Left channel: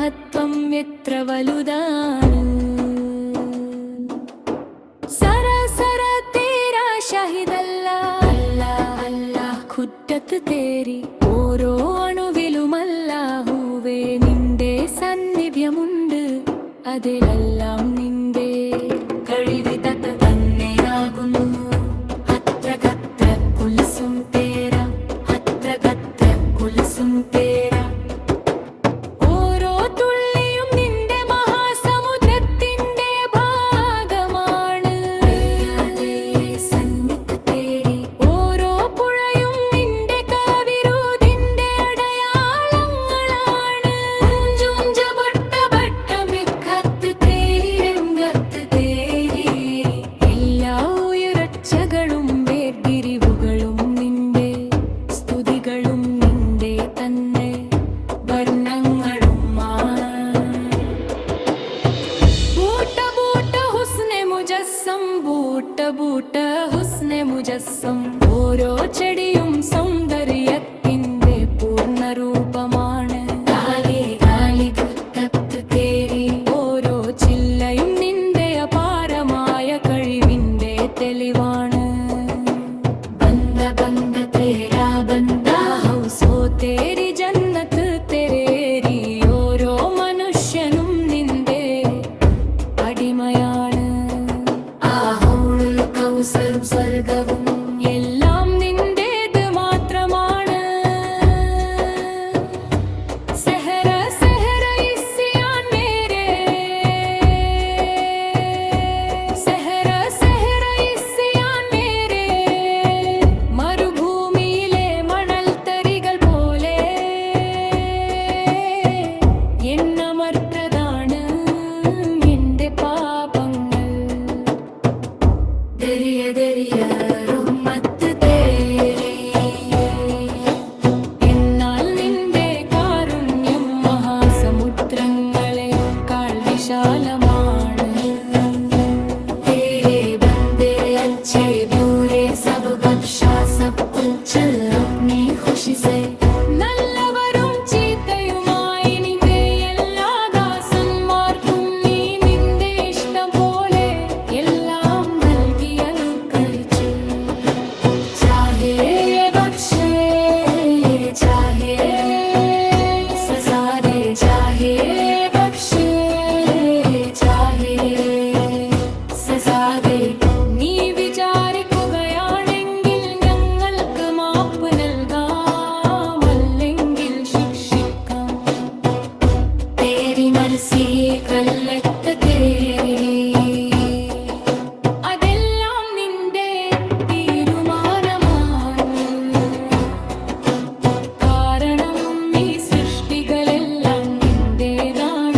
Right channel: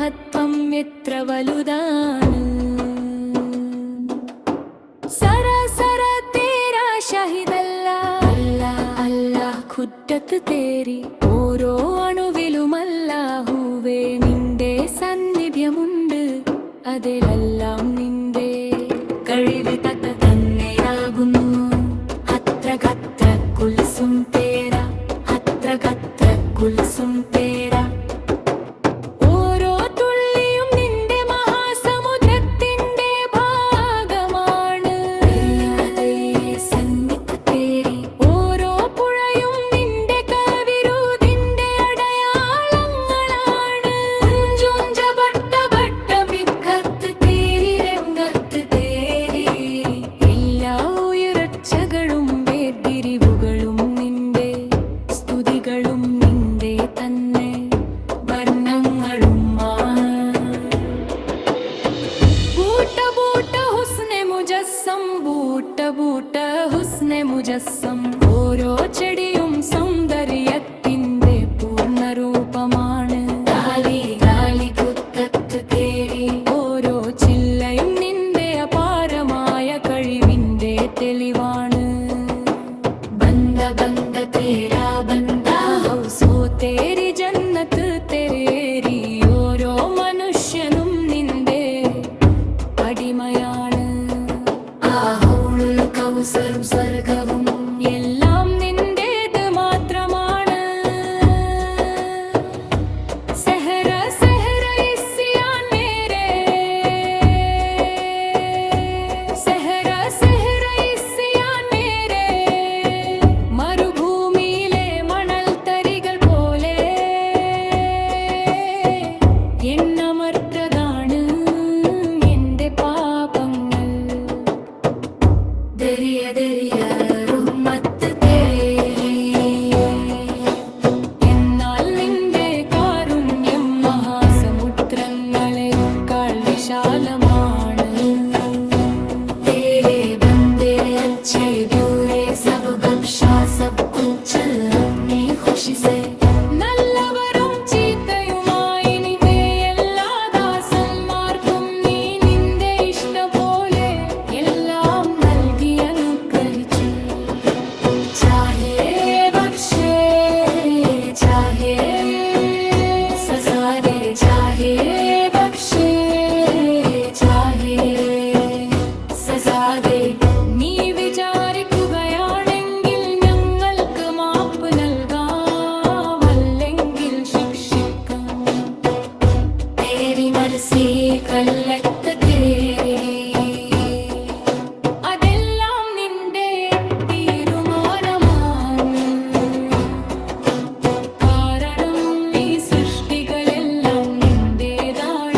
മഹത്വം എത്ര വലുതാണ്. സരസര തേരാ ഷഹിദല്ലാ അല്ലാഹ് ഖുദ്ദത്ത് തേരി. ഓരോ അണുവിലുമല്ലാഹുവേ നിന്റെ സാന്നിധ്യമുണ്ട്. അതിലെല്ലാം നിന്റെ കഴിവ് തന്നെയാകുന്നു. അത്ര ഗത്ര കുൽസും തേര, അത്ര ഗത്ര കുൽസും തേര. ഓരോ തുള്ളിയും നിന്റെ മഹാസമുദ്രത്തിന്റെ ഭാഗമാണ്. ഓരോ പുഴയും നിന്റെ കവിരുതിന്റെ അടയാളങ്ങളാണ്. എല്ലാ ഉയർച്ചകളും വേർതിരിവുകളും നിന്റെ സ്തുതികളും നിന്റെ തന്നെ വർണ്ണങ്ങളും. ബൂട്ട ബൂട്ട ഹുസ്നെ മുജസ്സം, ബൂട്ട ബൂട്ട ഹുസ്നെ മുജസ്സം. ഓരോ ചെടിയും സൗന്ദര്യത്തിന്റെ പൂർണ്ണരൂപമാണ്. ഓരോ ചില്ലയും നിന്റെ അപാരമായ കഴിവിന്റെ തെളിവാണ്. ബന്ദ ബന്ദ തേരാ ബന്ദ ഹൗസ് തേരി ജന്നത്ത് തെരേരി. ഓരോ മനുഷ്യനും നിന്റെ അടിമയാണ്. കൗസറും സ്വർഗവും എല്ലാം നിന്റേത് മാത്രമാണ്. സെഹറ സെഹറ ഇസ്യാൻ മേരേ, സെഹറ സെഹറ ഇസ്യാൻ മേരേ. മരുഭൂമിയിലെ മണൽ തരികൾ പോലെ എണ്ണമറ്റതാണ് എന്റെ പാപങ്ങൾ. ദരിയ ദരിയ റഹ്മത്ത് തേരി. എന്നാൽ നിന്റെ കാരുണ്യം മഹാസമുദ്രങ്ങളെക്കാൾ വിശാലമാണ്. തേരെ ബന്ദേ അച്ഛേ ബ്യൂരേ സബ് ബഖ്ഷാ സബ് കുച്ച് അപ്നി ഖുശി സേ. നല്ലവരും ചീത്തയുമായി നിന്റെ എല്ലാ ദാസന്മാർക്കും നീ നിന്റെ ഇഷ്ടം പോലെ എല്ലാം നൽകി അനുഗ്രഹിച്ചു. ചാഹേ ബഖ്ഷേ ചാഹേ സസാദേ, ചാഹേ ബഖ്ഷേ ചാഹേ സസാദേ. നീ വിചാരിക്കുകയാണെങ്കിൽ ഞങ്ങൾക്ക് മാപ്പ് നൽകാം, അല്ലെങ്കിൽ ശിക്ഷിക്കാം. തേരി മർസി കല്ലത്ത് തേരി. അതെല്ലാം നിന്റെ തീരുമാനമാണ്. കാരണം ഈ സൃഷ്ടികളെല്ലാം നിന്റേതാണ്.